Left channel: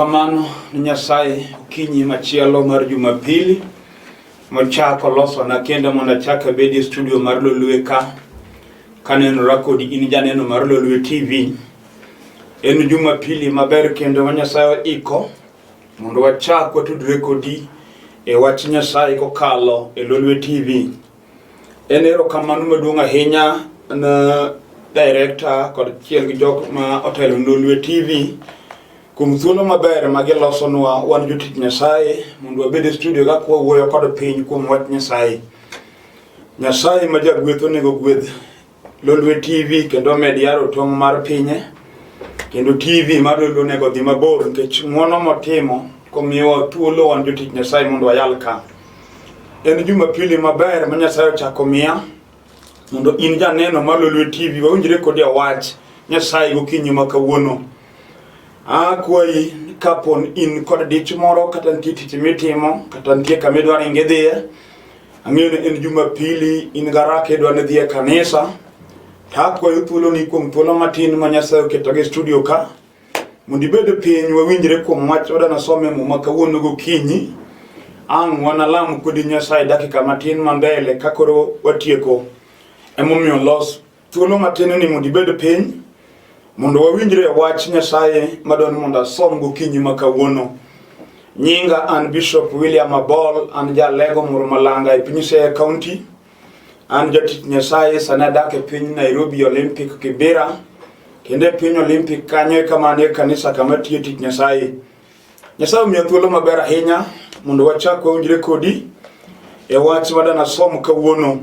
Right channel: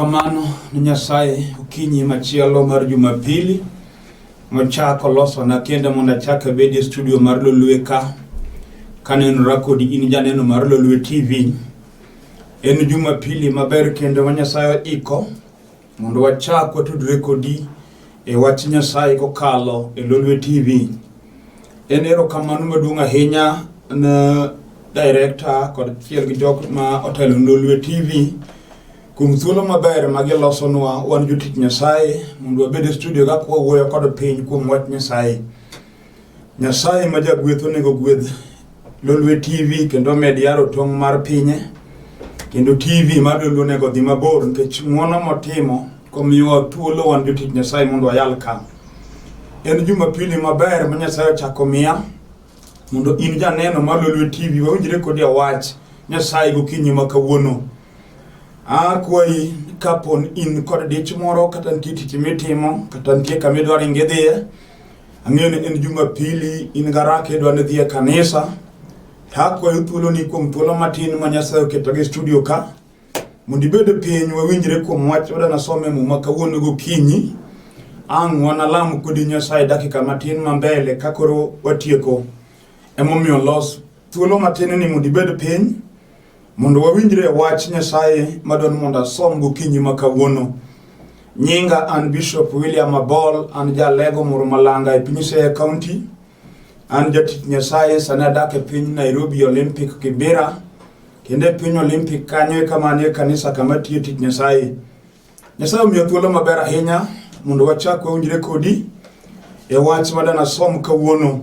Erokamano ni Nyasaye okinyi machielo mar Jumapili machako loso na kenda mondo achaka bedi studio mar Lolwe ka kanenora kodi in janeno mar Lolwe TV. En Jumapili maber kendo wa Nyasaye iko mondo wachak watudre kodi e wach Nyasaye kokalo e Lolwe TV. En erokamano maduong' ahinya na director kod chiel gi jok ma otelo Lolwe TV kuom thuolo maber magilosonwa wan jotich Nyasaye mondo wabed e studio ka wuoyo kod piny kuom wach Nyasaye. Nyasaye ma jagweth onego gwedh Lolwe TV kendo med yaro tong' mar pinye kendo TV mar Lolwe onego dhi mabor nikech ng'wono motimo komiwa thuolo wan jotich Nyasaye mondo wayal ka. En Jumapili maber ma Nyasaye ochako miya mondo in janeno mar Lolwe TV wawinjre kodi wach Nyasaye gokinyi ma kawuono. Kwayi kapon in kod dich moro kata nitie tich mitimo kata nitie kama idwaro ing'e ang'eyo ni en Jumapili in garaka idwaro dhi e kanisa. Akwayi thuolo ni kuom thuolo matin ma Nyasaye oketo gi studio ka mondo ibed piny wawinjre kuom wach wadana some muma kawuono gokinyi. Ang' wanalam kodi Nyasaye dakika matin mambele kakoro watieko. Emomiyo los thuolo matin ni mondo ibed piny mondo wawinjre wach Nyasaye madon mondo asom gokinyi ma kawuono. Nyinga an Bishop William Abol, an jalego Murmalanga e piny Siaya County. An jatich Nyasaye sani adak e piny Nairobi Olympic Kibera. Kendo e piny Olympic kanyo kamane kanisa kama tiyo tich Nyasaye. Nyasaye omiyo thuolo maber ahinya mondo wachak wawinjre kodi e wach madana som kawuono.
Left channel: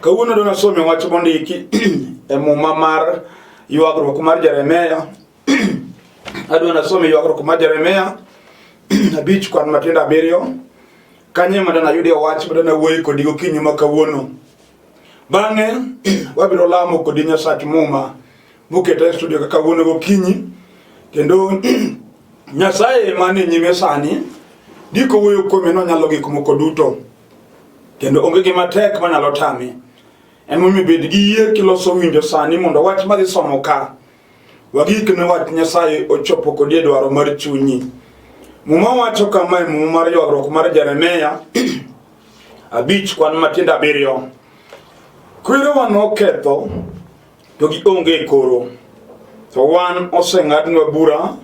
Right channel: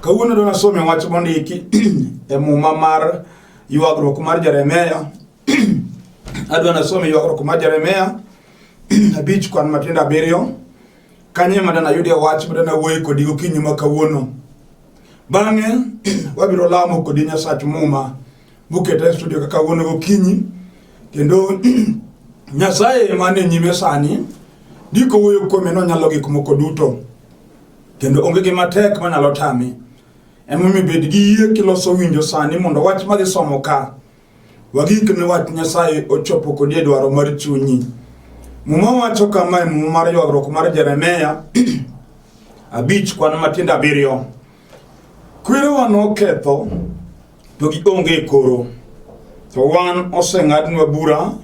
Kawuono dona some wach mondiki e muma mar ywagruok mar Jeremia. Adwa nasome ywagruok mar Jeremia 5 kod matindo 7 kanye madana yudi wach madana wuoyo kodi gokinyi ma kawuono. Bang'e wabiro lamo kodi Nyasach muma buketa studio ka kawuono gokinyi kendo Nyasaye mane nyime sani diko wuoyo kuome nonyalo gik moko duto kendo onge gima tek manyalo tame. Emomiyo bed gi yie kiloso winjo sani mondo wach madhi somo ka wagik ne wach Nyasaye ochopo kodi e dwaro mar chunyi. Muma wacho kama e muma mar ywagruok mar Jeremia 5 kod matindo 7. Kwerewa noketho to gionge koro, to wan oseng'adnwa bura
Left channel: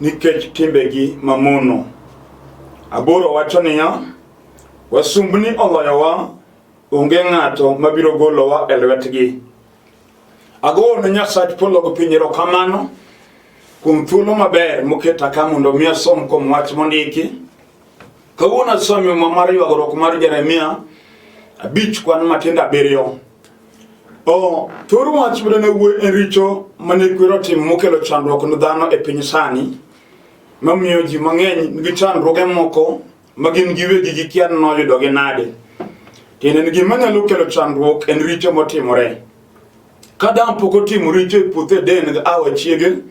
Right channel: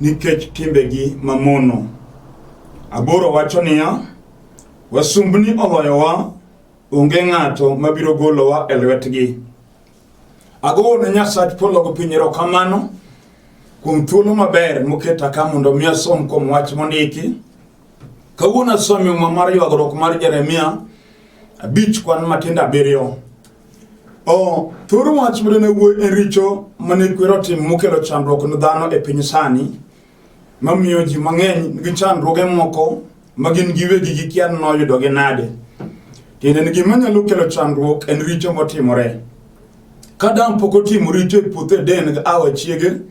nikech timbegi mamono. 8 wacho niya, wasumbni oloyowa, onge ng'ato mabiro golowa e lwetgi. Agoyo ne Nyasach polo gi piny erokamano kuom thuolo maber moketa ka mondo mi asom kuom wach mondiki. Kawuono asomo muma mar ywagruok mar Jeremia 5 kod matindo 7. Thoro wach madane wuoyo e richo mane kwero tim mokelo chandruok ne dhano e piny sani mamiyo ji mang'eny nigi chandruoge moko magin giwegi gikia noyudogi nade. Kendo ni gima nyalo kelo chandruok en richo motimore. Kadam pok otimo richo e puothe den gi awe chiege,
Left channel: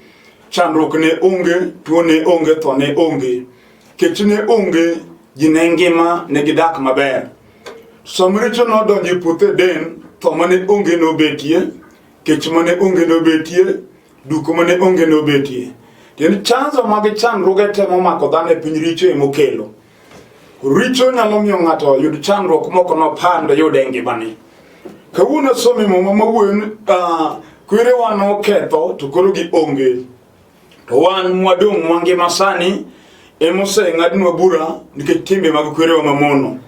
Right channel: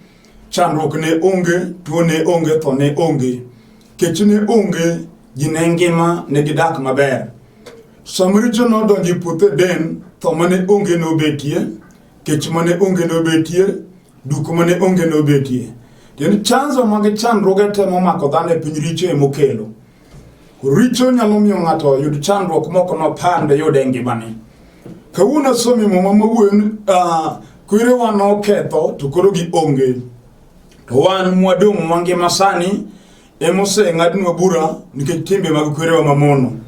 chandruok ne onge, tuo ne onge, tho ne onge. Kech ne onge, ji ne ngima ne gidak maber. Sama richo nodonjo e puothe den, tho mane onge nobetie, kech mane onge nobetie, duko mane onge nobetie. Kendo chanzo mag chandruoge temo mako dhano e piny richo emokelo. Richo nyalo miyo ng'ato yud chandruok moko nopand yude ngimane. Kawuono some muma mawuoyo ni kwerewa noketho to koro gionge. To wan mwadong' mangima sani emoseng'adnwa bura nikech timbe mag kwerewa mamono.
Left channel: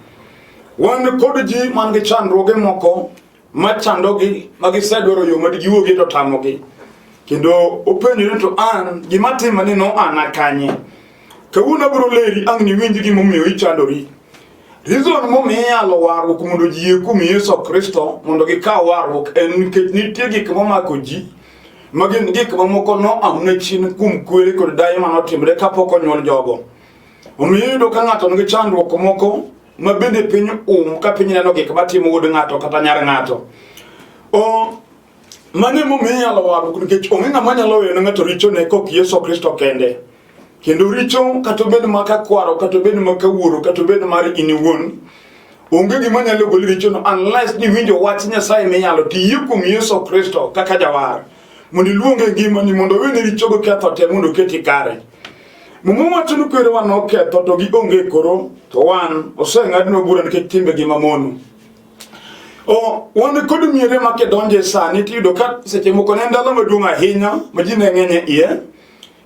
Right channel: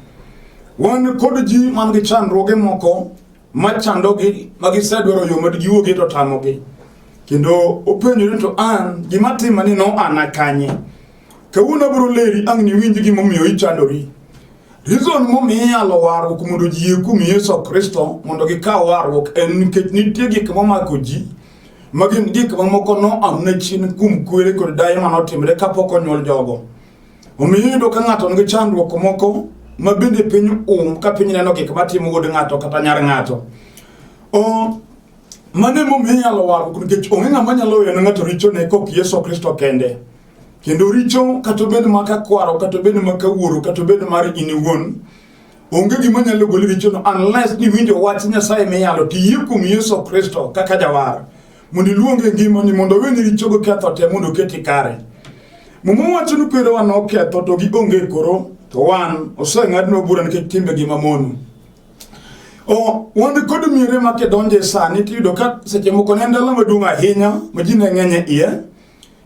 Wan kod ji man gi chandruoge moko machandogi magisedwaro yo madgiwuogi to tamogi. Kendo openjore to an gima timani no an kanye. Kawuono biro leri ang' ni winj gimomiyo ichandori. Reason momiyo inyalo warruok mondo ji yie kuom Yesu Kristo mondo gikaw warruok en nikech nitie gik momako ji magin gik mamoko noamne chien kuom kwere kod daye manotimre kapok onyuol jogo. Omiyo iyudo ka ng'ato nigi chandruok moko mabende piny ka piny neno gik matimo wuod ng'ato kata nyar ng'ato. Mane momiyo inyalo warruok nikech onge ng'ama nyalo weyo ne ng'ato richo ne kok Yesu Kristo kende. Kendo richo kata bed maka kwaro kata bed maka wuoro kata bed mar in iwuon onge gima nyalo golo richo no unless ni winjo wach Nyasaye minyalo tiyo kuom Yesu Kristo kaka jawar mondo iluonge ngimani mondo wene richo go ketho te mondo keti kare. Mumu wacho ni kwere wan oketho to gi onge koro to wan oseng'adno bura nikech timbe gi mamono. Wan kod miere ma kedonje sani tiyudo ka seche moko ne ndalo maduong' ahinya ma ji ne ng'eny iye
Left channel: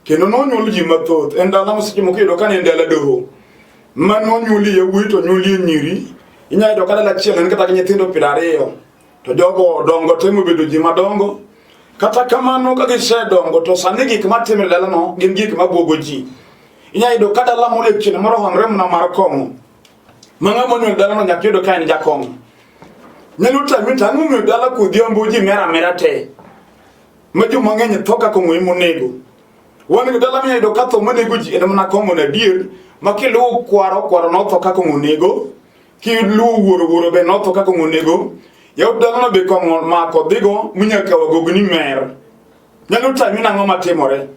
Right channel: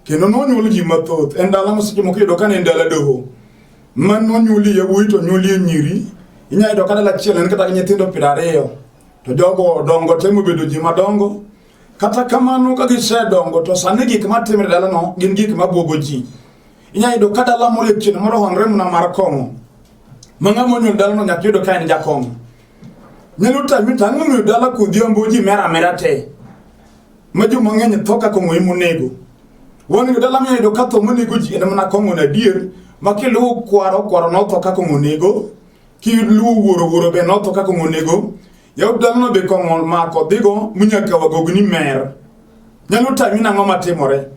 kendo nonyuol ji mathoth. En ndalo ma seche moko iyudo ka ne ndalo doho ma nonyuoli yawuoyi to nyuoli nyiri. Inya yudo ka dala achiel en kata gi nyithindo 20 to jogo dongo temo bedo ji madongo. Kata kamano ka gisedongo to sani gik matimre dalano gin gik mabuogo ji. Inya yudo ka dala moro chieng' moro hongre mna mar kong'o ma ng'ama onyuol dalano nyaka yudo ka en jakong'o. Nyalo tang'o dala kodhiambo ji mera te ma joma ng'eny tho kaka ng'oyi monego. Wan go dala miyo ka tho monego ji en mana kong'o na dier ma kiluwo kwaro notho kaka ng'onego, kiluwo wuoro be notho kaka ng'onego. Yaw dalano be kong'o mako dhigo munyaka wagogni mer. Nyalo tang'i nang'o matimore.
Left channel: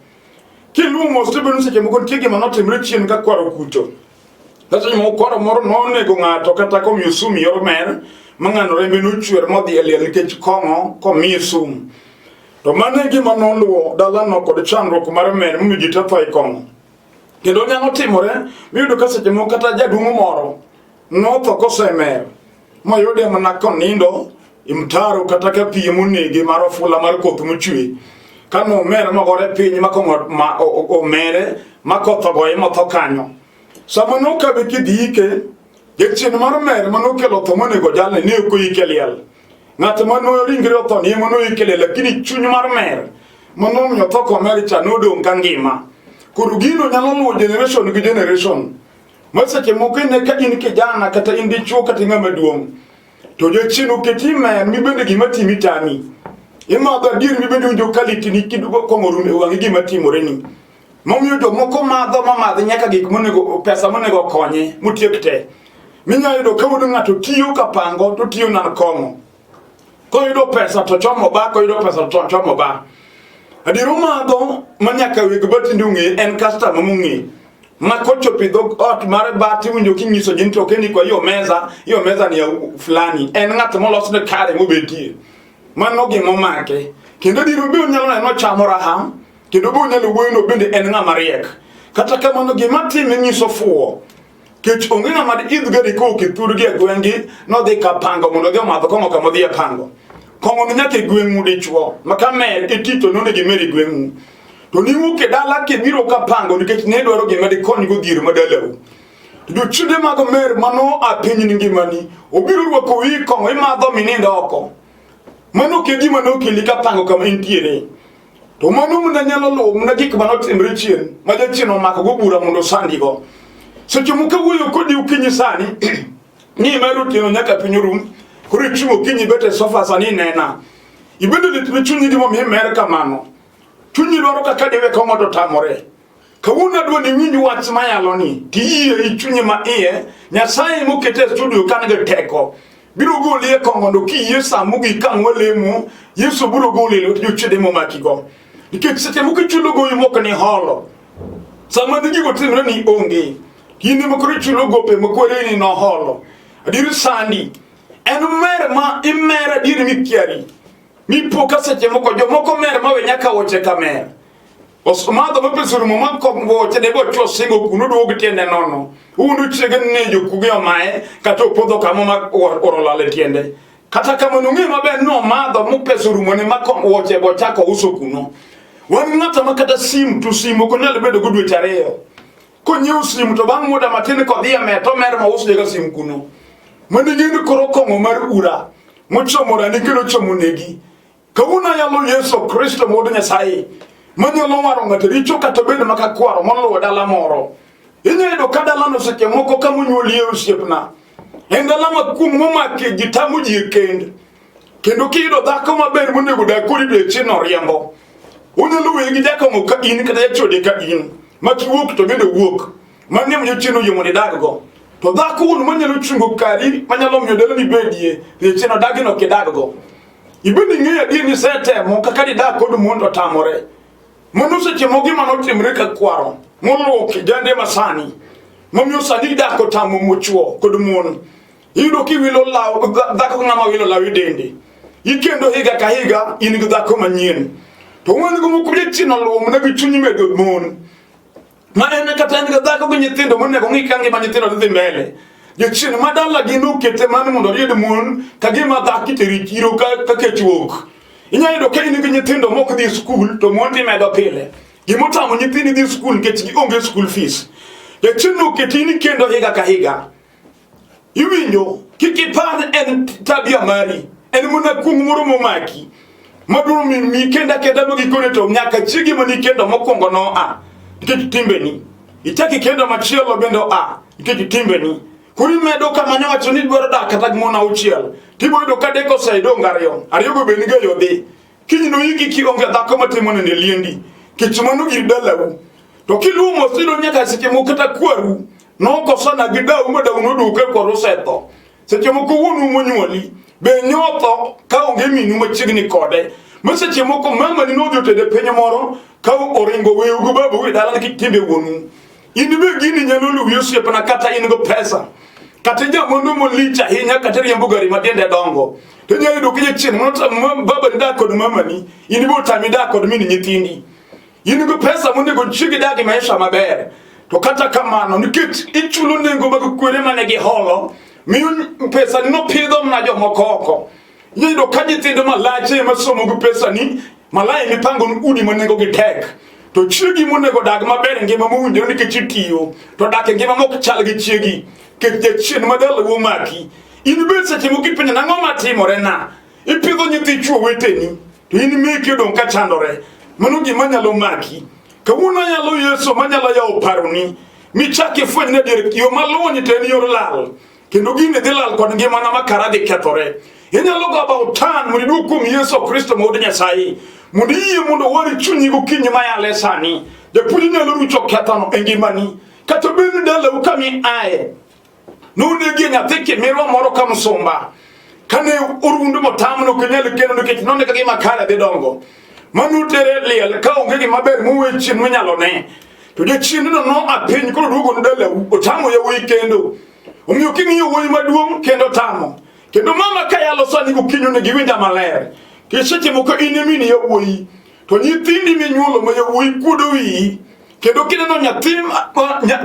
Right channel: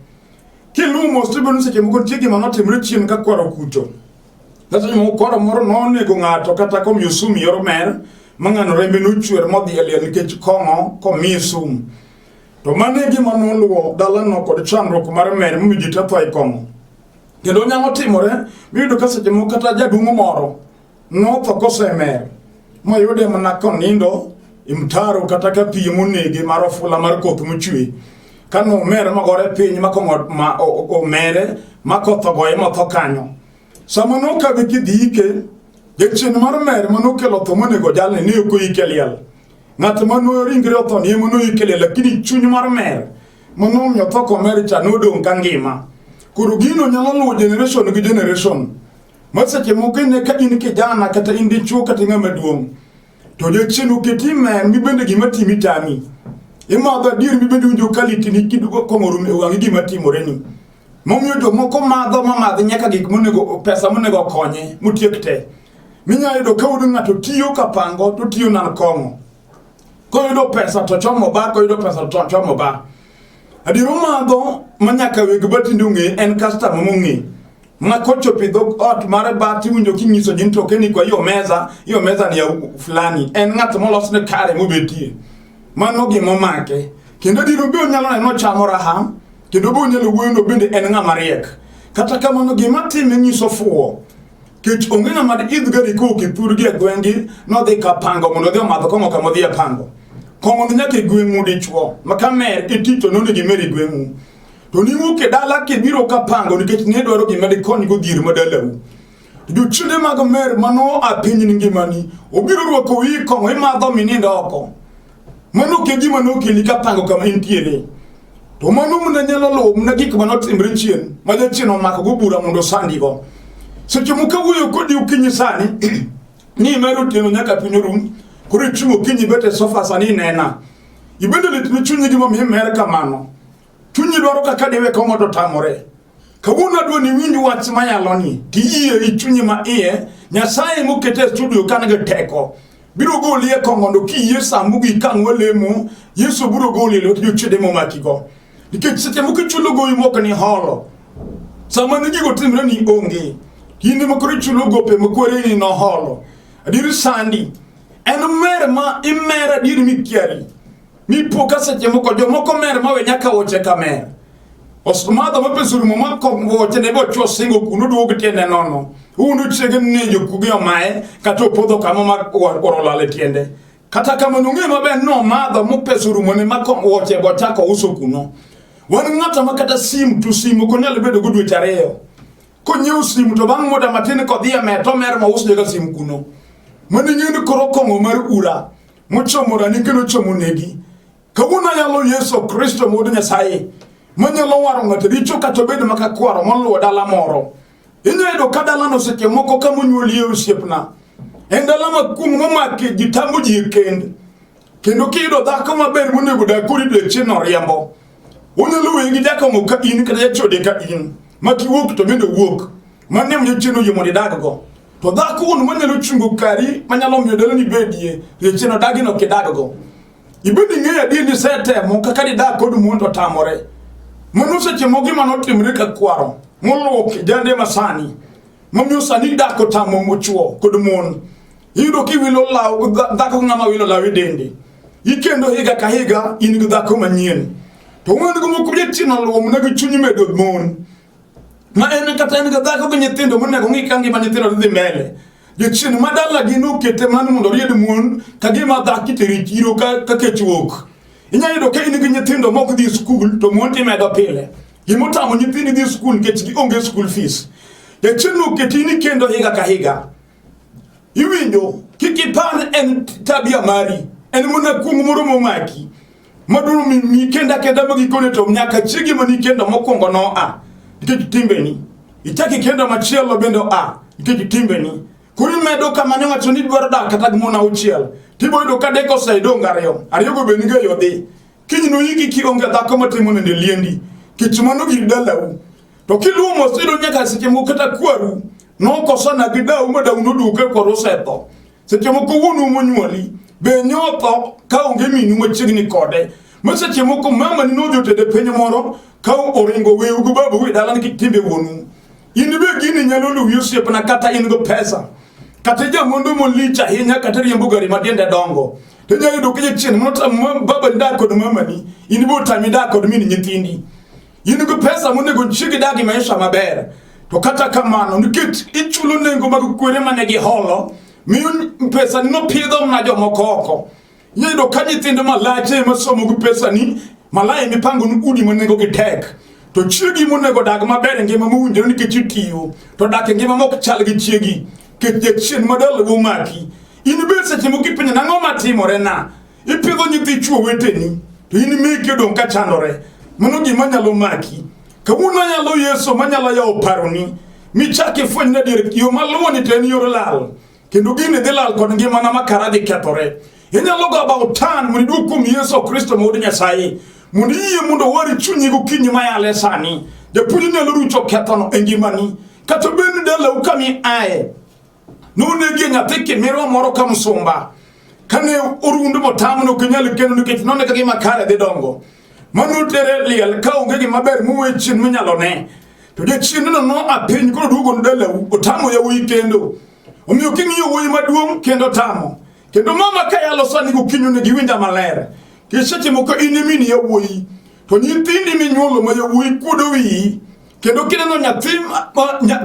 Kiluwo mos to beno seche moko nitie gima notimre chien ka kwaro kucho. Seche moko kwaro moro nonego ng'ato kata komiyo sum yor mer mang'ano rembe nochwer modhi e liel nikech kong'o komiye sum. To mano e gima noluwo dalano kod chandruok mar mer momiyo ji te tho e kong'o. Kendo nyalo timore miyudo ka seche moko kata jaduong' moro notho kosemer moyude mana konindo e mtaro kata ka piem onege mar ofula mar koth mochwe. Kano mer magore piny ma kong'o omere ma koth ogoye motho kanyo. Sama nokabe kidhike chien mar mer manokelo tho monego jalne ne ok oyike liel. Ng'at mano ringre otho ni ema noyike liel lakini chuny mar mer manomiyo tho komer cha nodong' ka ngima. Koro gino nyalo luwo generation gi generation. Ma seche moko ne ka in kijana kata in dichuo kata ng'ama duong' to jachien oketi mer mi bende gima timi tami. Imadho adier mi bende winjo kalitini kidugo kong'o e wang'i gima timore ni. Momiyo jomoko madho nyaka gik monego pesa monego konye motiek te. Minya yudo ka wuod ng'ato tiyo ka pango to tiyo nan kong'o. Koyudo pesa to chomo ba, koyudo pesa to chomo ba. Adiro madho manyaka weg batinde ong'e en customer mong'e. Ma kochopo idho ot mar bati winjo kinyiso jin to keni kwa hiyo meza ni ya fulani. En ng'at molosne kare mobetie. Mano gima omake. Kendo diro bi onyalo neno chamo raha. Kendo bi onyalo wuoyo bende en ng'ama riek. Kata kamano gima time nyiso fuwo. Kech onge ng'ama idh gari koke thurgi e gwengi nodhi ka pango mondo dhi omadho kong'o kama dhi e pango. Kong'o ni nyaka e gweng'u dichuo. Maka mer itito none gimeri gweng'u. To ni wuok e dala kibiro ka pango nikech ne dwaro gima di konygo dhier madalau. Jochinde mag mer mano apiny ni ngimani. Obiro rwako wi kong'o imadho minindo oko. Mano ke gima nokeli ka pango kama intiere. To mano muna nyalo luwo muna gik manotimre chien. Ma jachien omako go bura mondo sandigo. Seche moko wuoyo kodi ukinyi sani ni meru tieno nyaka piny rum koro ichungo kinyi bete sofa sani nena ibedo litne chunyi gimo mi mer kamano chunyi dwaro kaka diwe kong'o to tamore kawuono adwa ni winj wach mayalo ni tiye ichunyi ma iye Nyasaye mokete studio kan ge teko biro goli e kong'o no kiye samu gi kang'o lemo Yesu biro goli lo jochede momakigo nikech seche moko chulo goyi moko ni holo sama ni gigo timre ni onge kinde makoro chulo gope makwere ni no holo adiri sandi en mer ma imera adiri mikiari mi poka seche moko jomoko mer ma we nyaka woche ka mer osmadho mapesuru ma kong'o woche ne bo chwo singo kuno do gitiende nono uno chege ne jokuge omae kata opodho kama ma orolale tiende kata kama nong'e maber no madho mopesuru mone ma kong'o woche bo chako uso kuno wan ng'ata makata sim to sim ko nyalo bedo go dweche 2 konyew sim to bang' muda matin kodhi e to mer ma usne ga sim kuno mani ng'eni koro kong'o mar ura mochomora ni kendo chomo negi kawuono yalo Yesu Kristo mod Nyasaye manyalo waro ng'ato richo kata bedo maka kwaro moluwo dala moro inyayudo ka dalano seche moko kamonyuolie osiepna en dala makum momake ji tamo ji e kendo kiyudo dhako maber monego dak kodi to chien oriembo unyalo weye gi jakong'o ka in kata jachode ka in ma kiwuok to bende wuok mane miyo chien oyie mondo idaggo to dhako wuon manyalo chungo kari manyalo miyo dalani bedie ne chien odagino kidaggo ibende ing'eyo adier ni setemo kaka didag kod mon otamore mano seche moko gima notimre ka kwaro moluwo kijande masani momiyo sani dak otamo mochuo kod mon iyudo kiwilo law dhako ng'ama wilo law e dende ikendo higa ka higa in gi dhako manyien to wan go moko chino luwo mna gi chunyi medo mon ma en kata en ga dhako gi nyithindo monego ng'i ka ngima nyithindo dhi mbele. Jochien madala gi nokete mana mondo ried mon ka gima dhaki teri chiro ka kechuok. Inya yudo ka in gi nyithindo mok dhi skul to mon timedo pile. Gimotamo nyithindi dhi skul nikech gionge school fees. Jochien noketi ni kendo higa ka higa. Iwinjo kik ipar en tabia mari, en mana kung moro momaki. Maduro mi kenda magikone to nyaka chigi mani kendo mokwongo no nikech timbeni. Ichaki kendo machielo bendo nikech timbeni. Kuri medo kama ne wacho ni dwaro dak kata gimona auchiel. Tibo yudo ka deko saidong ariyo go be niga yodhi. Kiny no yiki ki onge dhako matimo ne liendi. Kech mano gir dalau. To kiluwo mosido nyaka seche moko kata kwaru no kosana gi dau madau no duke koro setho. Seche moko wuonu monyuoli be nyotho ka onge minu machiegni kode. Seche moko mama ni no jotede piny moro ka oringo weyu go babu gi dala ni timbe wuonu. In be gini nyalo luwi osiepna kata in go pesa. Kata jamondo molich ahinya kata riembo gari matende dongo. To nyayudo ka chien mota baba ndak kod mama ni in bo tami dak kod min nyithindi. In go pesa monego chigi dagi maisha maber. To kata kamano nikech ichulo nengo mag kwere mane gi holo miyo pesa ni no pidho na jomoko oko. Nyayudo ka nyithindo malache masomo go pesa ni malai mipango udi manengo gi tek. To chigi monego dag maber ngima mowinjore nikech itiyo to dak ngima mok chal gi chiegi kech chien madala womaki. In be seche moko ipenjo nang'o matimore na ipidho nyithi chuo weteni to in meki odong' ka chandore. Mano gima nyalo maki. Kawuono nyalo Yesu manyalo yawo paroni michaki fweny ne dir yo maluwo ni ten yor lal kendo gini dhi lal kod ngimana makara dhi kethore. Inyalo go about turn mondo idwog kuom Yesu Kristo ma wuod Nyasaye mondo iyie mondo wari chunyi gokinyi mayale sani. Japuonj nyalo rucho kethono e ngimani kata bed dalau kami aye nonegi nyathi kimirwa moro ka msumba kane orundu motamo no kunyal kendo nikech none ka gima kare dhi dongo manu tere liel ka onge gima ber muwe chien munyalo ne to jachien no apiny koro duogo no dalau otamo yawuoyi kendo omiyo king'iyo wuoyi maduong' kendo tamo kendo mama ka yalo sani gokinyo ne giwinja maler kiseche moko in mini yawuoyi to nyithindi minyuolo ma yawuoyi kuodo wiyi kendo kineno nyathi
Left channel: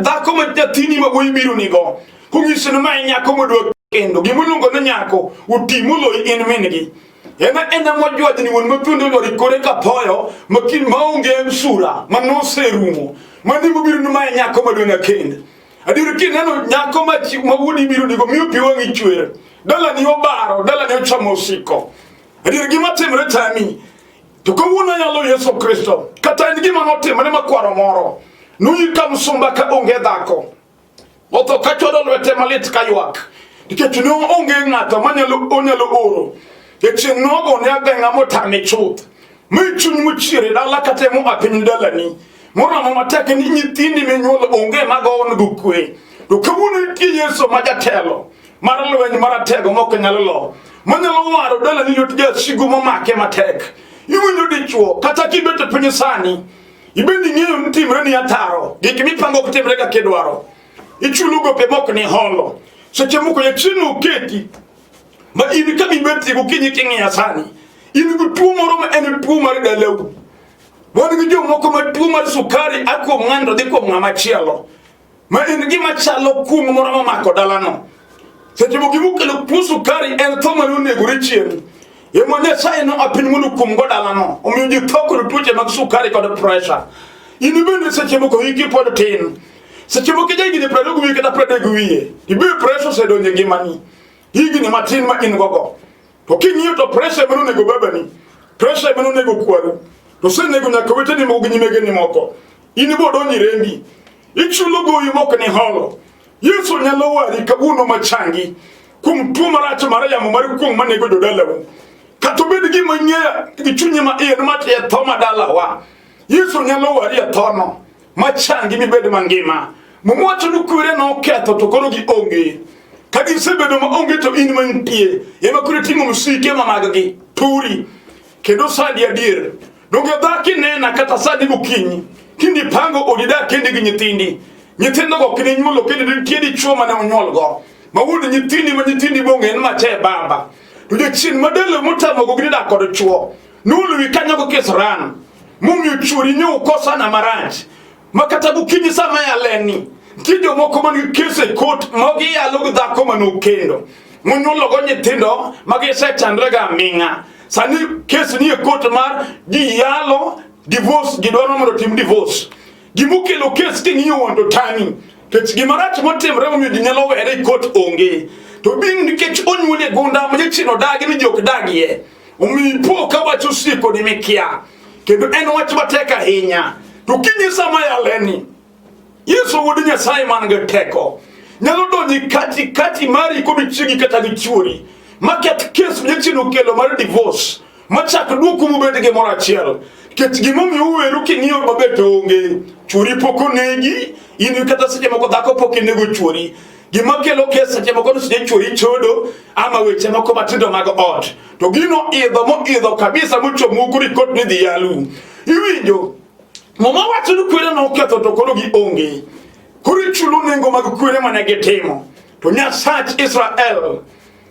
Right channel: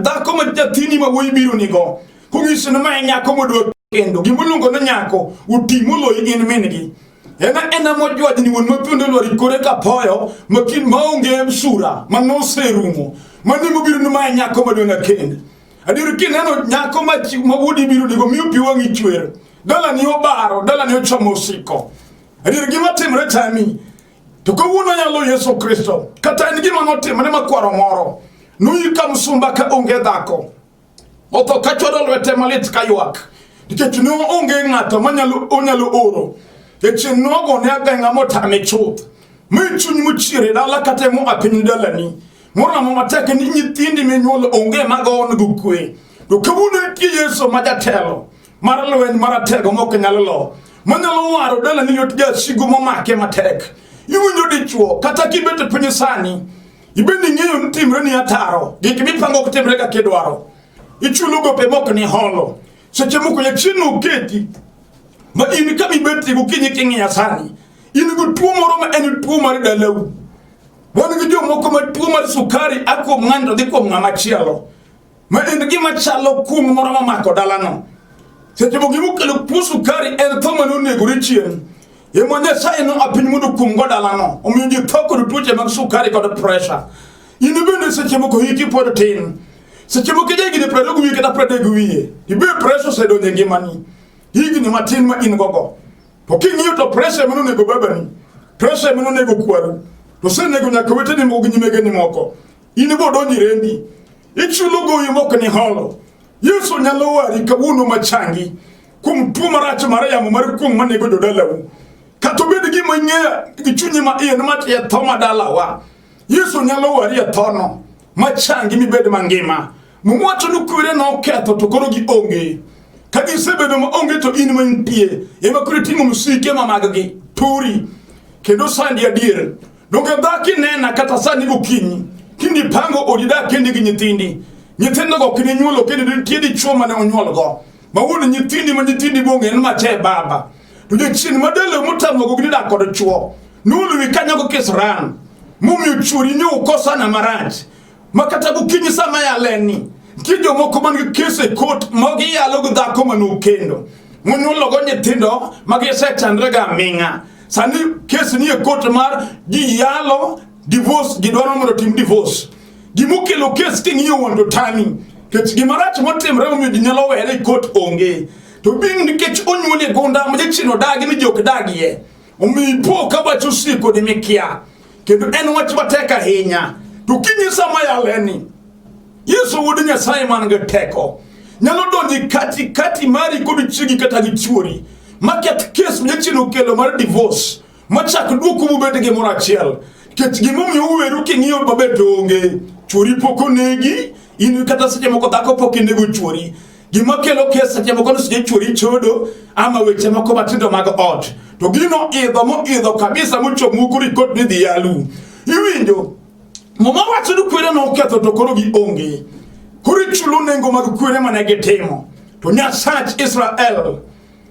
dhako ma nyathini ma wuoyi biro nigo kung'isi no ma nyako modwa kendo gimoluongo no nyako utimo loyi in mingi ena mojwajni wuon mathuondo lori kore kapoyo makin maonge sura manoserumo mani mobiro no ma nyako madwanga kendo adier kineno nyako ma wuodi biro nigo miyo pi wang'i chwer dala ni obaro dala ni ochamo osiko adier gima timre tami to kawuono nyalo Yesu Kristo kata en gima notimre makwaro moro nuyi ka msumba ka onge dhako otho ka chodo lwete malit ka ywak nikech no onge ng'ato onyalo oro kech nogo ne ageng'a motame chuth michuny mochiere dala kata mo apiny dalani moramo matek ni nyithindi minyuolo onge mago go kwe to kawuono nitie Yesu ma jatelo mar lweny maratego mok nyalo lo manyalo waro dalani lwet jasigu momake matek. Iwinjo dichuo kata kibet piny sani ibeni ng'eyo ni timre ni ataro gik mipango kutimre ka kidwaro ichulo gope mok ni holo seche moko jachien oketi ma in ka ibet gokinyi king'iya sani in go tuo moro ma en tuo mar dalau. Wan gi jomoko ma tuo mar sukari akuom ng'ando dhi kuom ng'ama chielo ma en gima chalo kum moro mamako dalano. Seche moko gimokelo tuo sukari en tho manonegore chien emo Nyasaye no apiny mondo kum go dalano omiyo ji tho kod tuoche mag sukari kod pressure. In bende seche moko hiki pod tin seche moko jahigni 20 wiye kata 30 wiye ibe pressure osedonjo e ngimani higni matin ma in gogo to king'iyo to pressure mano nego babani pressure mano nego kwaru to senego nyaka weteni moko gi nyimegeni moko in bo donjo e rembi ichulo goyi mok ni holo. Yesu nyalo wari kawuono machangi kuom tuo marach mar yamo mar kuong' manego jodalau kata bed gima ing'eya gi chunyi ma in matiye tho madalawa. Yesu nyalo wari e thono machangi mibed mangima mumwacho ni kwere na oketho to koro gi onge ka gisebedo ma onge to in mantie ema koro timo musike ma mag-gi turi kendo sandi adier donge dhaki nena kata sani gokinyi kindi pango odi dak kendi gi nyithindo go kini nyuolo kendo nitie dichuo mane onyuol go ma wuon nyithindi ma nyithindi bonge en mache baba to jachien madalo motamo go dak kod chuo nulu kanyo go kisran mumiyo chuori nyu kosana marach makata gokinyi sama yaleni nitie jomoko man gi kese kot mogi yalo gi dhako manokendo monyuolo go nyithindo magisetandre ga aming'a. Sani kesi ni e kot mar ji yalo divorce, gidwaro mondo tim divorce. Gimokelo kes king'iyo wando tami kech gimarach motimre momiyo ji nyalo were e kot onge. To bing nikech onyuole gonda ma jachino dagi ni jok dagie omiyo ipo ka wach osiko ni mikia kendo en wach matek ahinya. To kinyi sama yaleni Yesu wuod Nyasaye man gi teko nyalo donji kati mari kod chiegi kata gi chuori maket kes jachino kelo mar divorce machak duoku mubed gi moro achiel kech gimomiyo uweru king'iyo maber to onge. Chuori pok onegi, in kata seche moko dhako pok inego chuori. Gima kelo kes seche moko seche chuori chodo ama weche moko matindo mag ot. To gino idho kabisa mochomo kuri kot ni dhi yalu. Iwinjo mama wacho ni kwere na uketho to koro gi onge. Kuri chulo nengo mag kwere mane gitimo. To Nyasach Israel,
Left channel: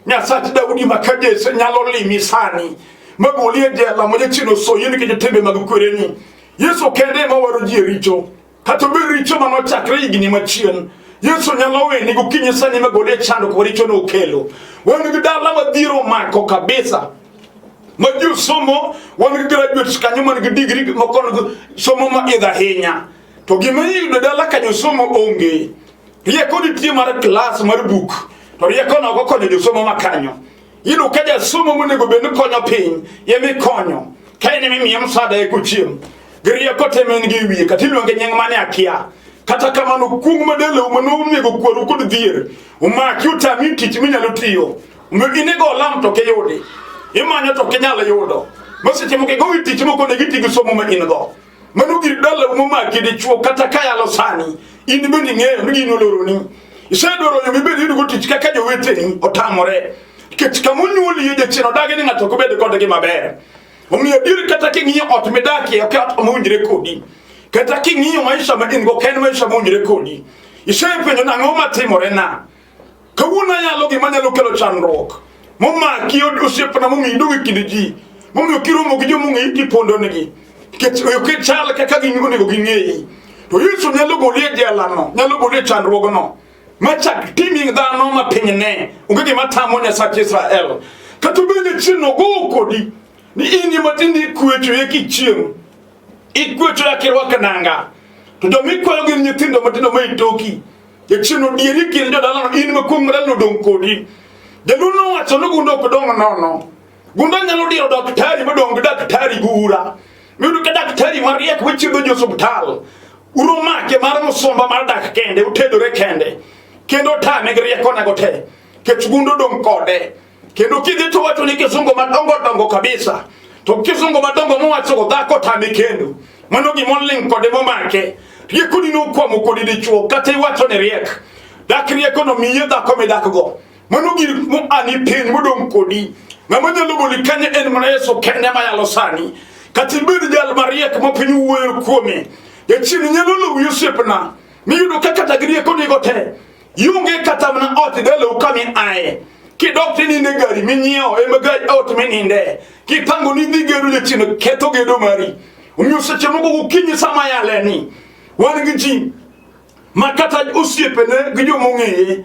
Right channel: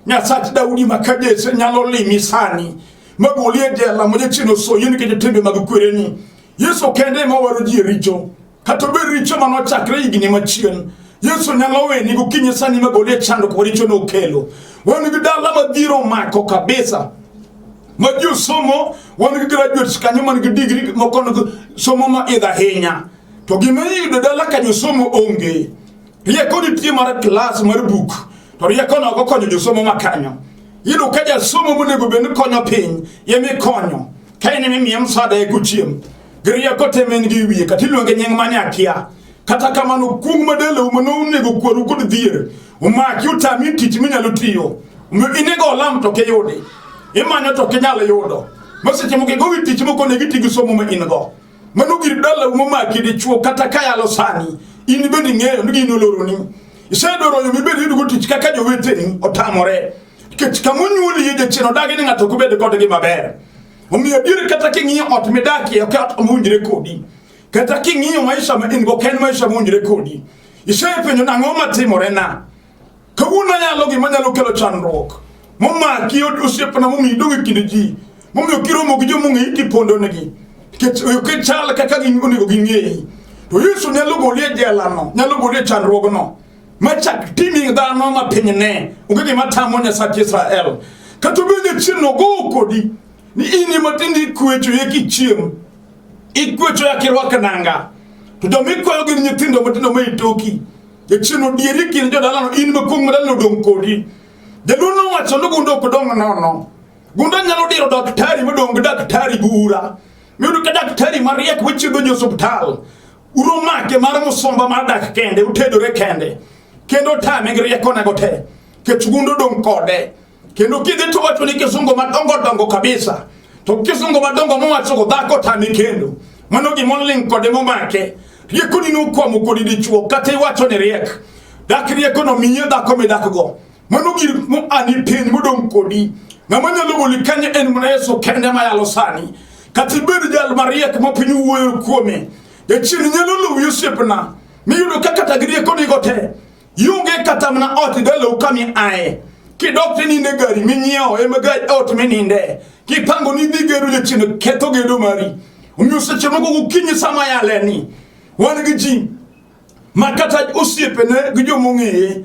Nyasach Daudi makajese nyalo limi sani magolie dela moje chino so yini kije tembe mag kwere ni. Yesu kende ma waro ji richo kata be richo mano chakre igni machien. Yesu nyalo we ni gokinyi sani magolie chando ko richo no kelo. Wani gidala madhiro mako kabisa. Maju somo wani graduates kanyo man gi degree mokono somo ma idha hinya. To gima yudo dala kanyo somo onge. Rieko ni tie mar class mar book. To rieko na go konyo jo somo makanyo. Yino kaja somo monego bende konyo piny yemi konyo. Kaine mimi yamsada e kuchiem. Gria kote mengi wiye katiluonge nying mane akia. Kata kamano kung madele umano nego kwaru kod dhier. Umaki utami tich minyalo tiyo. Inego olam to ke yudi. Imanyo to kenyalo yudo. Maseche moke go tich moko ne gitigi somo ma in go. Mano gir dala umaki dichuo kata kayalo sani. In bendi ng'eyo ni gino loroni. Isedoro yo mibedi yudo tich kaka joweteni otamore. Kech kamunyuoli ye jachino dagi ni ng'ato kubed kodgi maber. Omiyo dir kata king'iyo ot midaki ot omunjre kodi. Kata king'iyo maisha ma in go ken maisha munjre kodi. Isepenjo nang'o matimore na. Kawuono nyalo gima nyalo kelo chandruok. Momaki osiepna momiyo iduogo e kind ji. Momiyo kiromo gi jomong'eyi tipondo negi. Nikech chal kaka onego ging'eyi. To Yesu nyalo golie jelano, nyalo golie chandruogno. Machak timi dhano ma pinyne. Onge gima tamo Nyasach Israel. Kata bende chino go kodi. Ni ini matindi kwecho ye kichiem. Ikwecho ya kirwaka nanga. To domikwayo gir nyithindo matindo ma itoki. E chino dieri kin jodalano in makum madalo dong kodi. Jaduno wacho no gundo kodong nono. Gundo nyalo diro daktari madong daktari bura. Miudu ka daktari mariek wichido jo hospital. Uromake mar musomba mar dak kende utedore kende. Kendo tame grieko nagote. Kech gundo dong kode. Kendo kidhi to wacho ni kisungo madongo kabisa. To kisungo madongo mwacho go dhako tame kendo. Mano gimoling kode momake. Rieko ni no kwa mukodi dichuo kata iwacho ne riek. Dak rieko no miye dhako medako go. Mano gir mo ani pin modong kodi. Mamanya logo likanye en mana Yesu kende mayalo sani. Kati bedi jal mariek mo pinyu wuoyo kuome. E chini nyalo lo Yosepna. Miyudo kaka tagrieko ni gote. Yunge kata mna ot galo ukami ae. Ki dokti ni negari minyeo emagari ot meninde. Ki pango ni nigeru le chino keto gedo mari. Umyuseche mogo ukinyi sama yaleni. Wani gijim. Makata usiepene gijo mungeye.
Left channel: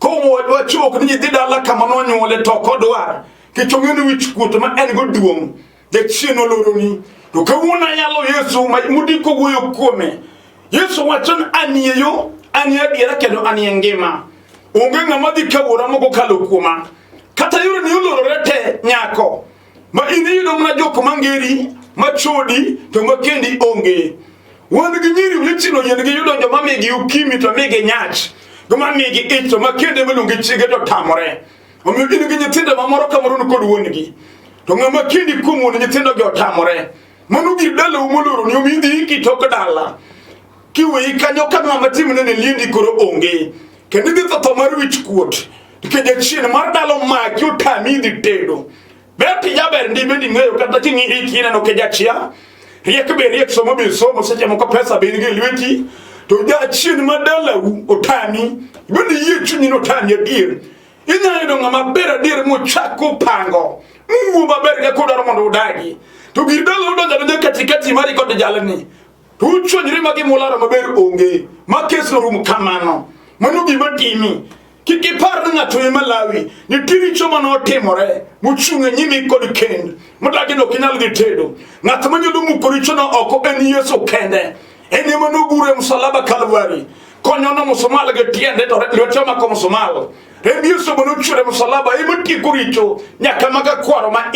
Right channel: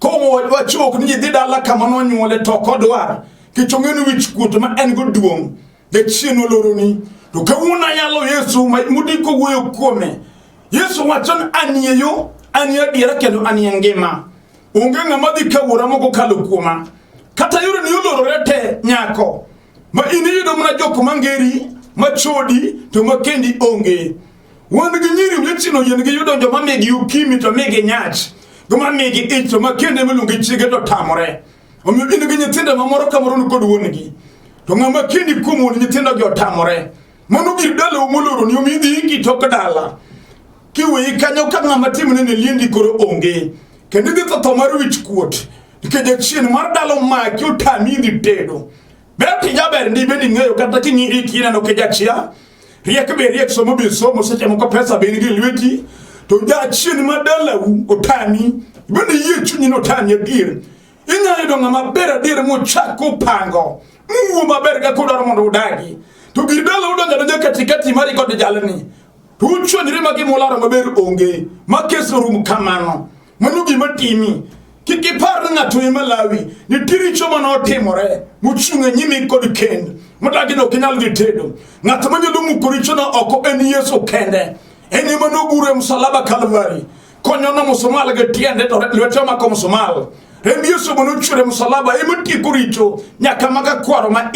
Komo wachuok ni dida la kamano nyole toko dwar. Ki chongeni wichkuto ma engo duong. Ke chino loroni. To kawuna yalo Yesu mudiko wuoyo kuome. Yesu wachon aniyeyo aniya diera kendo aniya ngima. Unge ng'ama dhi kawuora moko kalo kuoma. Kata yore ni olororete nyako. Ma ini yudo mna joko mangeri, machodi, to makendi onge. Wanda gi nyiri wichino yen gi yudo joma megi ukimi to megi nyach. Goma megi ich to makende melonge chige to tamore. Omiyo ini gi nyithindo mamoro kamoro no kod wuongi. To ng'ama kendi kuom wuon nyithindo gi otamore. Mano gir dala umoloro ni omi dhi iki tok dala. Kiwe kanyo ka ng'ama timne ne lindi koro onge. Kendo dhi to mar wich kuot. Keja chien mar dalo maki utami dhi tedo. Beti jaber ndi bendi ng'eyo kata kingi iki neno keja chia. Riek be riek somo bil somo seche moko pesa be nigi lweti. To ja chien mar dala utami. Bendi yie chunyi no tami adir. Inya yudo ng'ama ber adir mochako pango. Uwo maber ga kodar mondo udagi. To gir dala udonja katikati mari kod jalni. tu chonyre magi molaro maber onge makeso rum kamano manu gima timi kiki par na to Malawi ni tiri choma no timore muchunga nyimi kod kend mudagi no kinal gi tedo ng'at manyodo mukoricho no oko en Yesu kende ene manu gure msalaba Kalvari konyo no musomal ge tiende to lweto ma ko musomal rendi Yesu manu chure msalaba emuti kuricho nyaka maga kwaro ma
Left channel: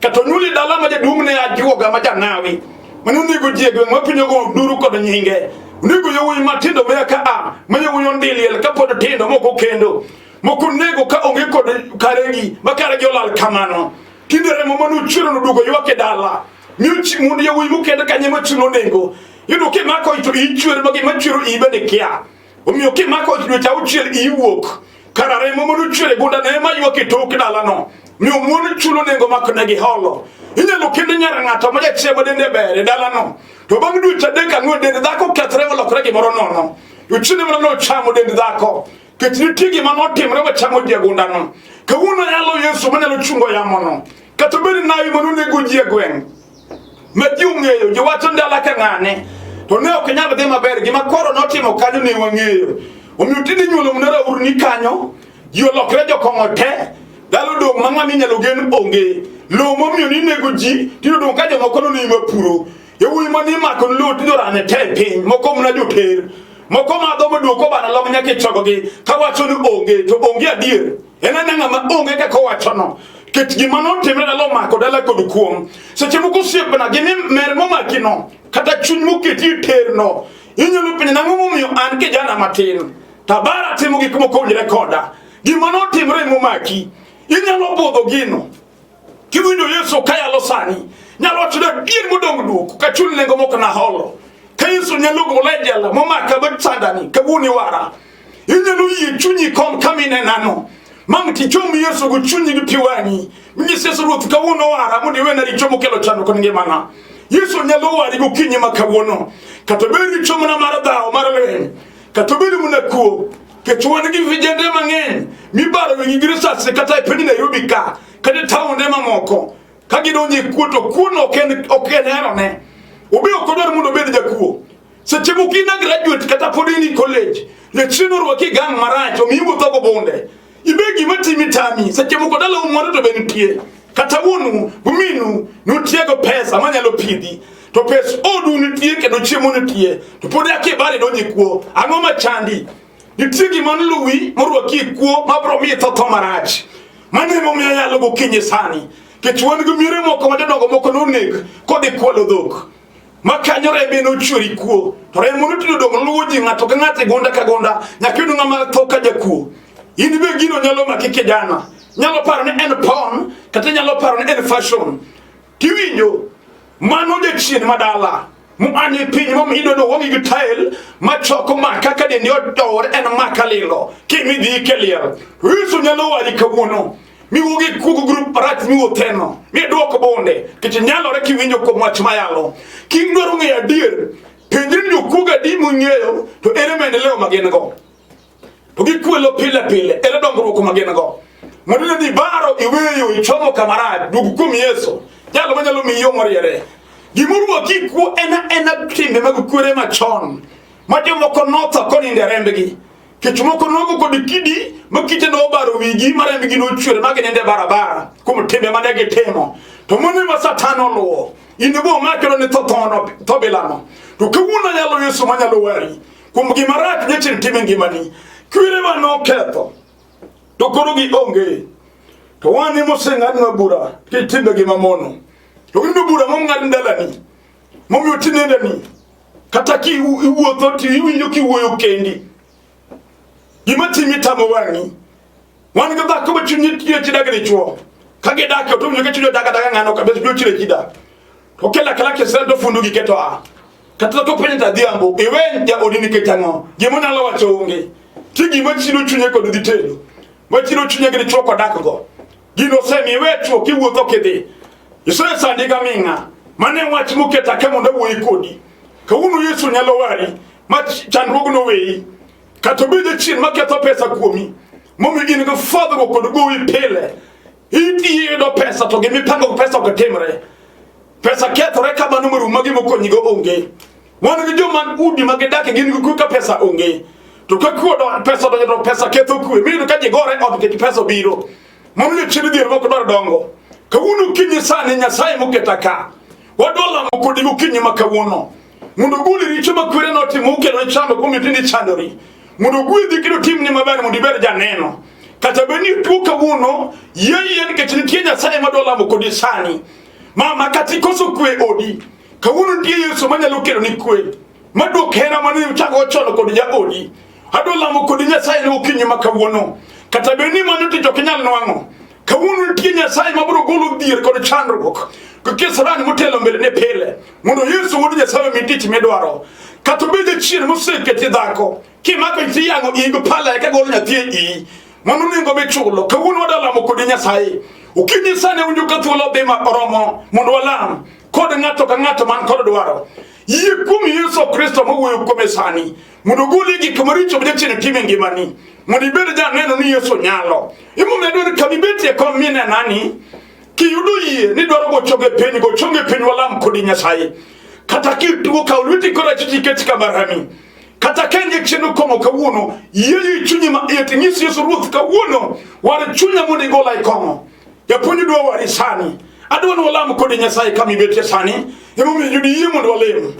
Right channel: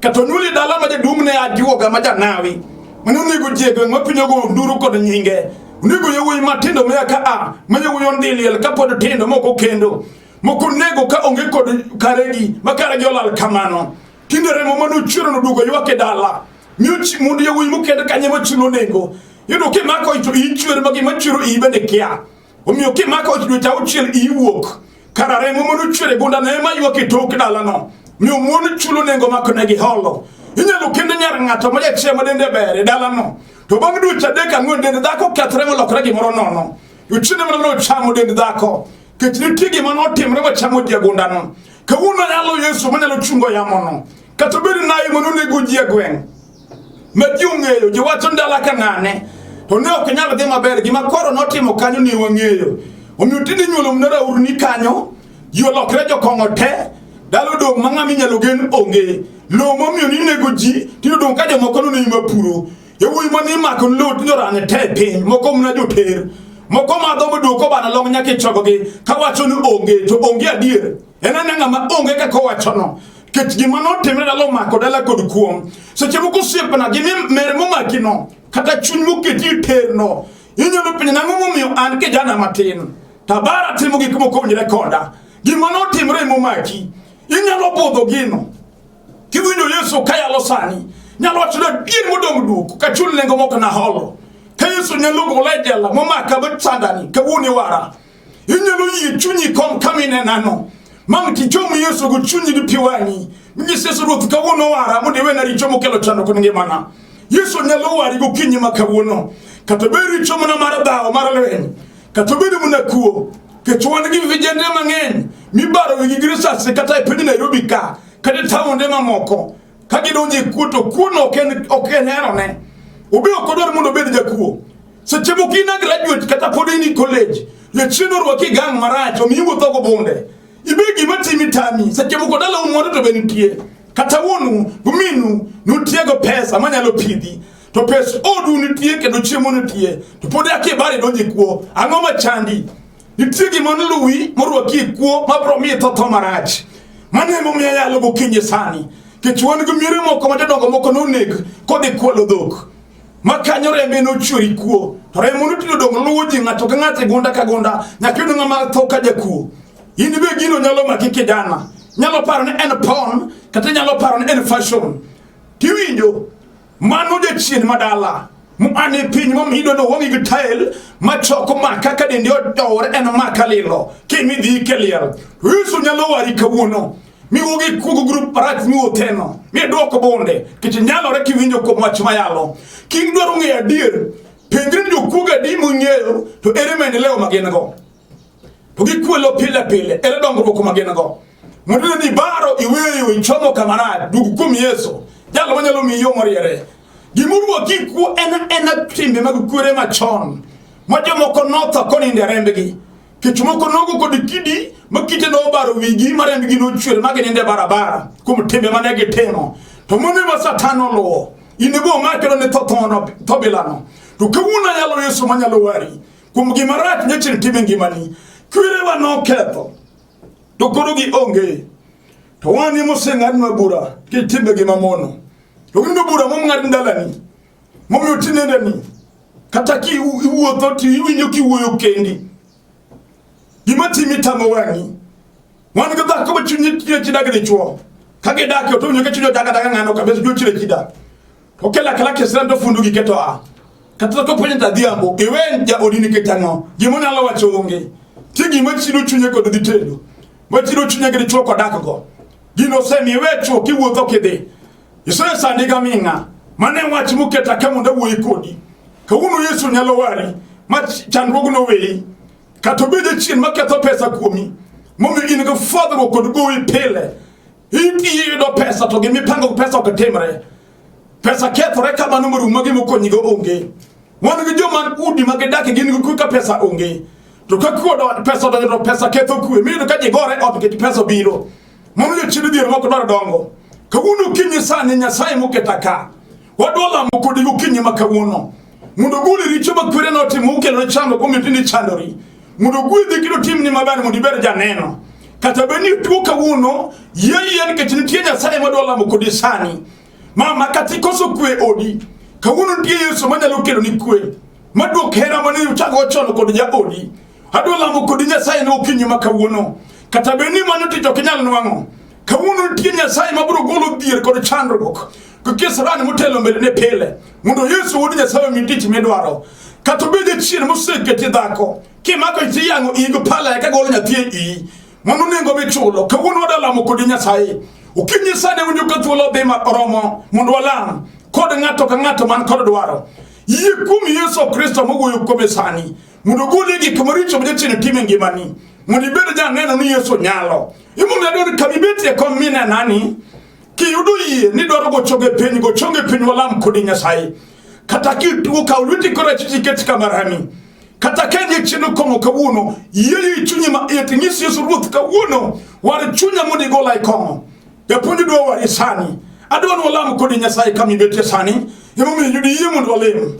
kato nyuli dala ma dumne ajuoga ma janawi manu nigo jego ngapinyo go nduru kod nyinge nigo yowi matindo meka mayo yondili el kapodo tindo moko kendo moko nego ka onge kod karegi makara jolal kamano kindere mo manu chure no dugo yoke dala nyuchi mundi yowi mukende kanyemo chulo nego yuno ki mako itu ichwer magi machiro ibene kia omiyo ki mako itu ta uchel iwok karare mo manu chure gonda ne ma yoke tok dala no mi omuoni chulo nego makone gi holo inyalo kinde nyara ng'ato ma jachiemo dende bere dala no to bang du chadeka ng'o dende dhako kethre molokre gimoro nono uchine mana no chamo dende dhako ketni tigi mano timre ba chamo diagunda no kawuno yalo Yesu manalo chungo yamono katobiri nayi manu nego jiegwen majiung'eyo jiwacho ndala ka ng'ane to ne ok nyalo dhi maber gima koro notimo kanyo ni wang'eyo omiyo tidi nyuolo mnara urni kanyo ji olokre jokong'o te dalo dong mang'ami nyalo gen onge lo momiyo ni nego ji tino dong ka jomoko no ni mapuro yowuyi mani mako lo tino rane te piny moko mna joter moko madho maduoko bana long nyaka ichogogi kawacho ni onge to onge adier en ng'ama onge kaka owacho no ket gima notimre dalo mako dala kod kuom seche moko osiepna gimi mer momaki no kata chuny moketi ter no inyalo penjo nang'o momiyo an kijana matin tabara timo gik mokowinjore koda gima notimre momaki inyalo bodho gino kiwinjo Yesu kayalo sani nyalo wacho da gir modong duoko ka chuny nengo moko na holo ka Yesu nyalo gole jela momaka betsandani ka wuni wara inyalo yie chunyi kom kamine nano mamti chomu Yesu go chunyi gi piwani mini seso ruth ka wono wara mudi wena ri chomu kelo chano ko ngimana Yesu nyalo wari go kinyi maka wono katoberi chomu na maradao maralen katoberi munakuo ke chwana gi vijende mang'eny mibaro wi girisa sekata pedi Nairobi ka kade taunde mamoko kagidonye kuto kuno okenero obi okodor mundo bed jakuo seche mokina graduate kata podini college le chino rwaki gang maracho miwo togo bonde ibegi matimi tami seche mokodala umwado to benitie kata wonu buminu nutiego pesa manyalo pidhi to pesa odu nitie kedo chiemo nitie to podi akibari donye kuo ang'oma chandi nitigi manluwi morwaki kuo mapromi toto marach mane momiya yalo go kinyi sani kichwan go miri moko madongo moko nonek kode kwalo dhok makanyo rembe no churi kuo remo nutino dong luji ng'ato ka ng'ate gonda ka gonda nyakido ng'ama thoka jakuo ini be gino nyalo maki kijana nyalo paro ni en pon kata nyalo paro ni en fashion tiwinjo manu de chin madala mu ane pinyi mo hido no wongi gitail machoko maka ka de nyodor en makalilo kimi di kelier Yesu nyalo wari kawuono mi wogi kugo group parat mi woteno mi dwoko bonde kiti nyalo re kiwinjo ko mwach mayalo kingdoro ng'eyo adier penjri jo kuga di mung'eyo to ere maendeleo magin go to gikwelo pile pile ere dongruok magin go modile ni baro iweyo ichomo kamarad dugu kum Yesu jalo manyalo miyo moriere gimurwa kiku ena timbe magukure machon majomoko notho koninde rembegi kichumoko nogo kod kidi makite no baro wigi marembegi no chwere magininde barabara kum timbe manege temo to mone ma satano lo inebo makelo ne totono tobilano to kawuna yalo Yesu manyalo wari kum gimarat nyechin timbe ngimani kwere wa no ketho to konogi onge to wani moseng'adnwa bura kitimbe gimamono to gindo bura momng'ad ndalani momiyo tinendeni kata ki iwuotho ti iwinjo kiwuoyo kendi gima timi tamo wang'i wan ga dhako ma chunyi tiyo chidagni chuo kage dake to winjo ka chunyo daga ng'ano ka beso chire chida to kela kala kesendo fundu gi keto kata to penyta dhiambo iwe ja odini ketano gima nyalo wacho onge tigi ma chiro chunye kod ditedo ma chiro chunye gi chuo kodak go gino semi we chuo kiwuotho kidhi isore sandi ga minga mane wach muketa kamo na wuoyi kodi kawuno Yesu nyalo wari ma chandruok no weyi kato bede chin maketho pesa kuomi momi in go fodho go kod goyi pile iti do pesa to gimi pango pesa ko timre pesa kethore kama numeru magi mokonyi go onge wan gi joma udi magidake gin gi ka pesa onge to ka kuodo pesa to pesa ketho kwe mi ka jigore od ke pesa biro mon le chiri dir moko dwaro dongo kawuono kinyi sani Nyasaye moketa ka wadwala mokodi gokinyi makawuono mundo guli richo makwere no timo ukelo chando komitindi chandori mundo guli kilo timni mabani mundi ber janeno kata beni tu kawuono yeye ke chini Nyasaye madwala mokodi sani mama katikoso kwe odi kawuono ndiye Yesu manyalo kelo ni kwe madok hera mani uchago chono kodi ja odi adwala mokodi Nyasaye no kinyi makawuono kata beni manu tijo kinyal nwango kawuono ndiye Nyasaye mabro golo dir kod chandruok kukisarani mutelo mbele ne pele mundo Yesu wodi Nyasaye mitich medwaro katubide chien musike tidhako kimako tiyango igo pala ka golo nyathie i manu ningo be chulo kawuono wadala mokodi Nyasaye ukinyi sane unyo kathuolo bema oromo mundo walam kod ngato ka ngato man kod dwaro yikumi Yesu Kristo mawuoyo kuome sani mundo goli gi kamaricho bje chien time ngimani mundo ibede ja neno ni Yesu nyalo imundo adoni kamibeti ko mina nani kiyudo yie ni dwaro go chonge piny walam kodi Nyasaye kata kitu ka ulwiti kora chichiketi kamarami kata kenye chinu kongo kawuono yeye chunyi ma eti ngisi Yesu Ruth kawuono wale chunya mudi gola ikongo ya punyi dwa wari sani adwano walam kodi Nyasaye kamibeti sani imumi yudi yie mundo walem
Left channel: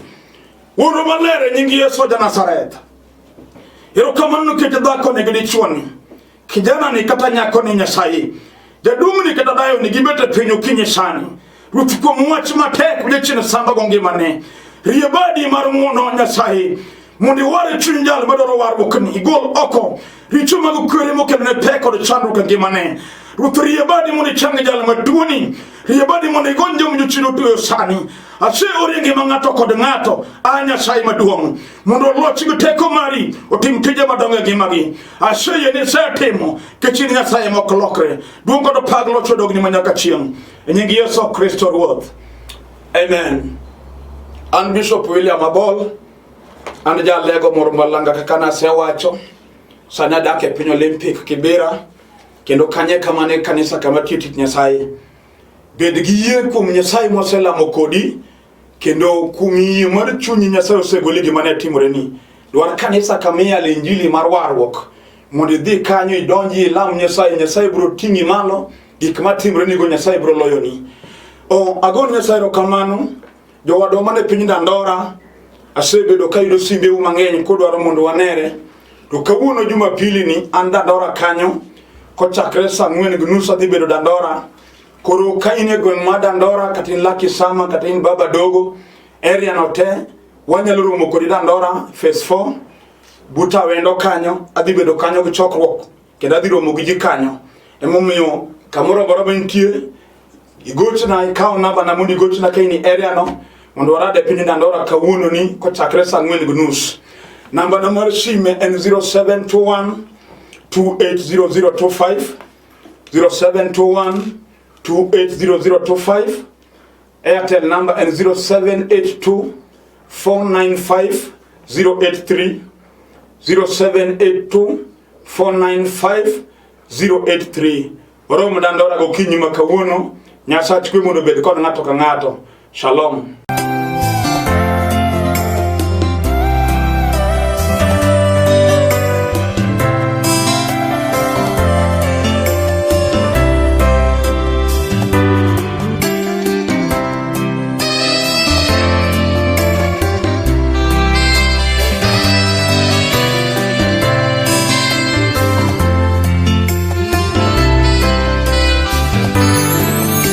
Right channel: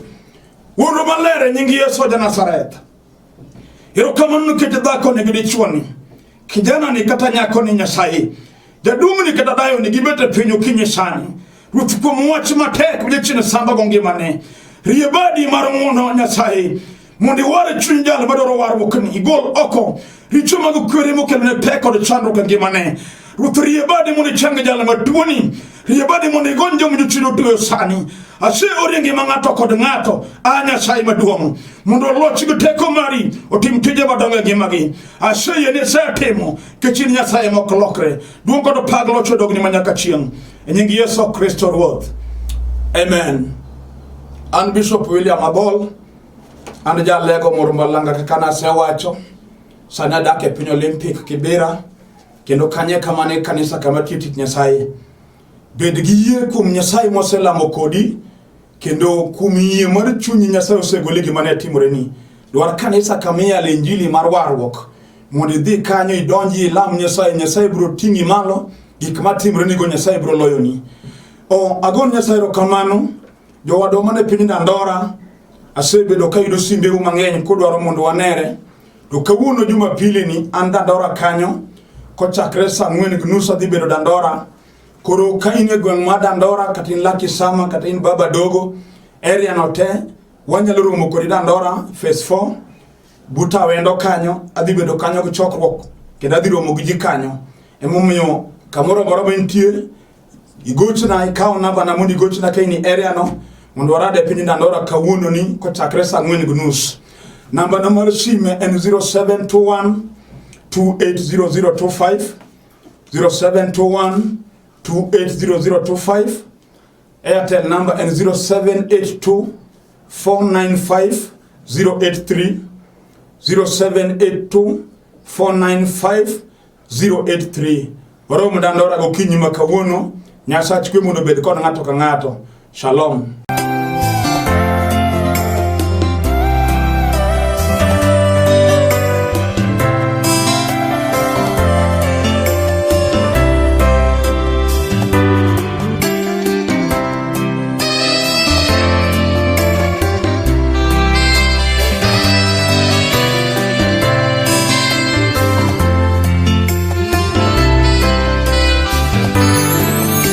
wuro malere nyingi Yesu wa Nazareth iro kamanu kete dhako ni gidi chuoni kijana ni kata nyako ni Nyasaye jadumu ni kata dayo ni gibete pinyo kinye sani rutuko mwachi matek ule chine samba gonge mane riyabadi marunguno Nyasaye mundi ware chunjali badoro waru wakani igol oko richuma kukwiri mukele ne peko de chandu gange mane rutu riyabadi mundi change jala matuoni riyabadi mundi gonjo mnyuchino tuyo sani ase orienge mangato kode ngato Nyasaye maduong mundo lochi kuteko mari otimtije badonge gimagi ase yene sa temo kechini Nyasaye mokolokre duongo do paglo chodogni manyaka chieng enyingi Yesu Kristo Ruoth amen. An Bishop William Abol an jalego mormalanga kakana sewacho sana dake piny Olympic Kibera kendo kanye kamane kanisa kama titi Nyasaye bed gi yie kuom Nyasaye moselamo kodi kendo kuom yie mar chunyi Nyasaye osegoli gima ne timore ni dwar kanisa kamiya injili mar warruok mondo idhi kanyo idonji ilam Nyasaye bro tingi malo gik matimore ni go Nyasaye bro loyoni agon Nyasaye rokamano jowadwa mane piny Dandora asebedo ka yudo simbe mang'eny kodwaro mondo wanere to kawuono Jumapili ni an Dandora kanyo kochakre saa 4:30 adhi bedo Dandora koro ka in e gweng' ma Dandora kata in Lucky Sama kata in Baba Dogo area no te wanyalo romo kodi Dandora phase 4 buta wendo kanyo adhi bedo kanyo gi chokruok kendo adhi romo gi ji kanyo emomiyo kamoro amora mantie igochna ikaw namba na muni gochna ka in area no mondo warade piny Dandora kawuono ni kochakre saa 4:30 namba na mar sime en 0721 280025 0721 280025 Airtel number and 0782 495 083 0782 495 083 Waromo Dandora gokinyi makawuono Nyasaye kwe mondo bed kod ng'ato ka ng'ato. Shalom.